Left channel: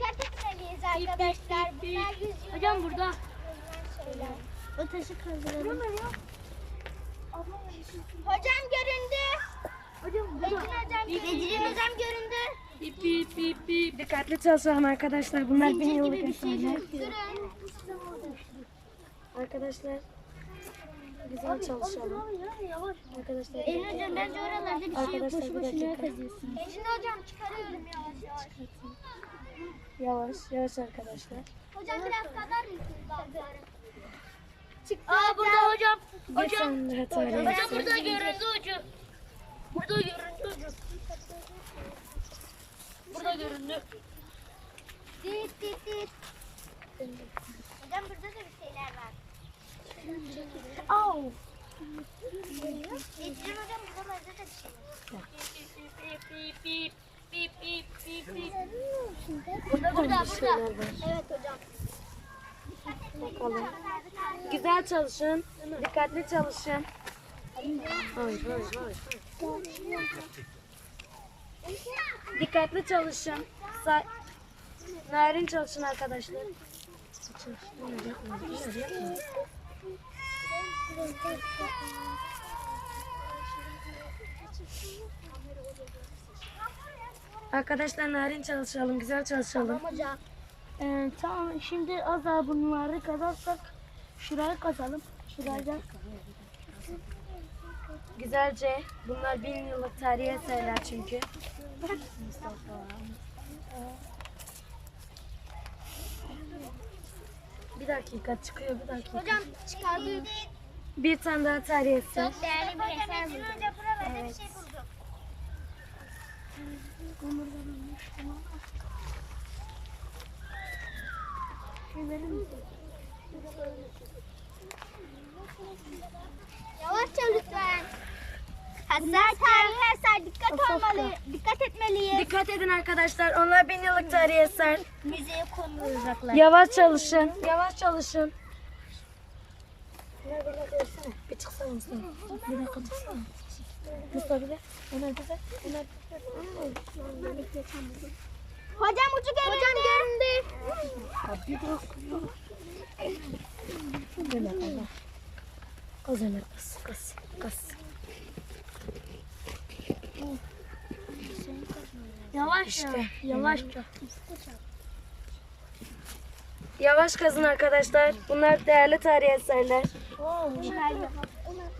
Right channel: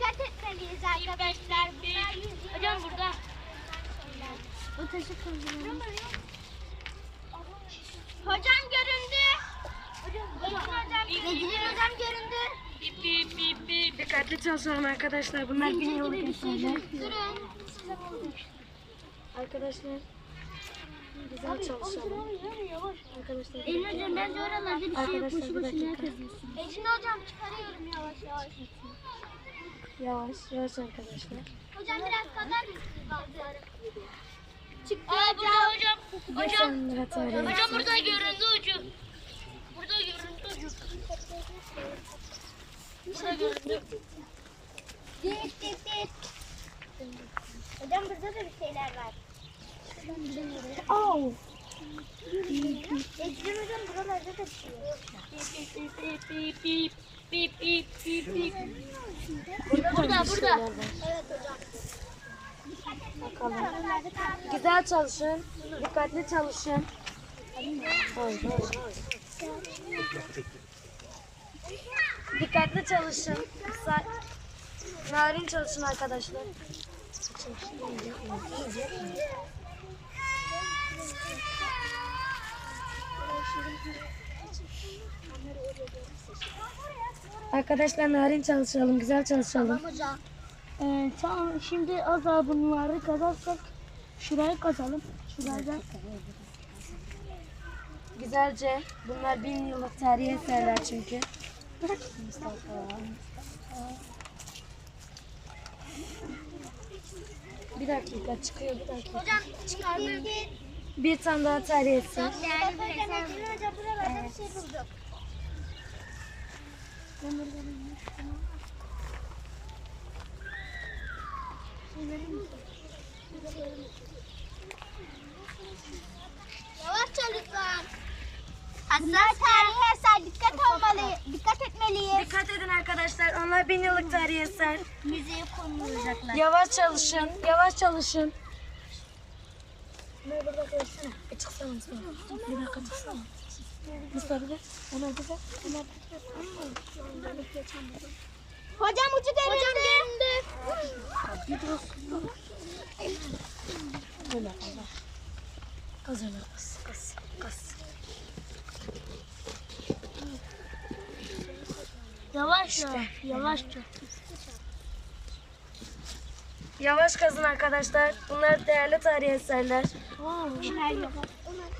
Dikkat et sevgiliz arkadaşlar. Hocam burada. O taşı kaldıralım. Hocam göründü. Bilgin hocam, hocam göründü. Bip bip bip bip. Dikkatli çalışalım arkadaşlar. Bunlar beni yolu geçiyorlar. Arkadaşlar. Güzel çalışalım. Abi, abi, abi, abi, abi. Arkadaşlar. Elin hocam ben de oralarda bir şey yok. Boşu boşu ne kazıyorsunuz? Elin hocam çıkarıyorum yavaş yavaş. Yavaş, yavaş arkadaşlar. Hocam biraz o, kadar mısınız? Çık. Aa hocam. burada hocam. Hocam. Hocam burada göründü hocam, hocam. Burada göründü hocam. Burada göründü hocam. Burada göründü. Dik dik Hocam burada da bir şeyler var. Oh. Ekrem hocam buralarda da bir şey yok. beep beep beep beep pip pip Burada, Burada, var. Evet hocam. Bakalım. Güzel çalışın. Yılır. Dikkatli çalışın. Hadi, hayır, hayır, hayır. Hayır. Dikkatli çalışın. Sa Narin çalışın arkadaşlar. Çalışın. Arkadaşlar narin çalışalım, güzel çalışalım. Tamam hocam. Ee, tamam, şimdi az daha bunları kazarsak şurayı kazalım. Şuradan. Evet. Güzelce. Bunlar bin yıllık tarihi eserler çünkü. bir dakika çıkıyor, bir dakika. Hocam çıkardım. Bir tane daha tarih etsin. Çok değerli bir eser. Evet. Hocam, Edin önce buralarda evet. bir şey bulduk. Yavaşça lütfen. Arkadaşlar arkadaşlar dikkat olmalı, dikkat etmeliyiz. Dikkat edin arkadaşlar, onlar bin yıllık tarihe eser. Müzeye Yavaş çalışın, yavaş çalışın. Merhaba arkadaşlar, bir çıksana. Bir dakika çıksana. Mustafa gel. Onu alacağız. Onu alacağız. Hocam ucu geldi. Hocam geldi. Abi dur. Hazırlar. Kas. Kas. Kas. Yavaşça. Yavaşça. Yavaş kazın arkadaşlar. Bunlar değerli tarih eserler. Oo,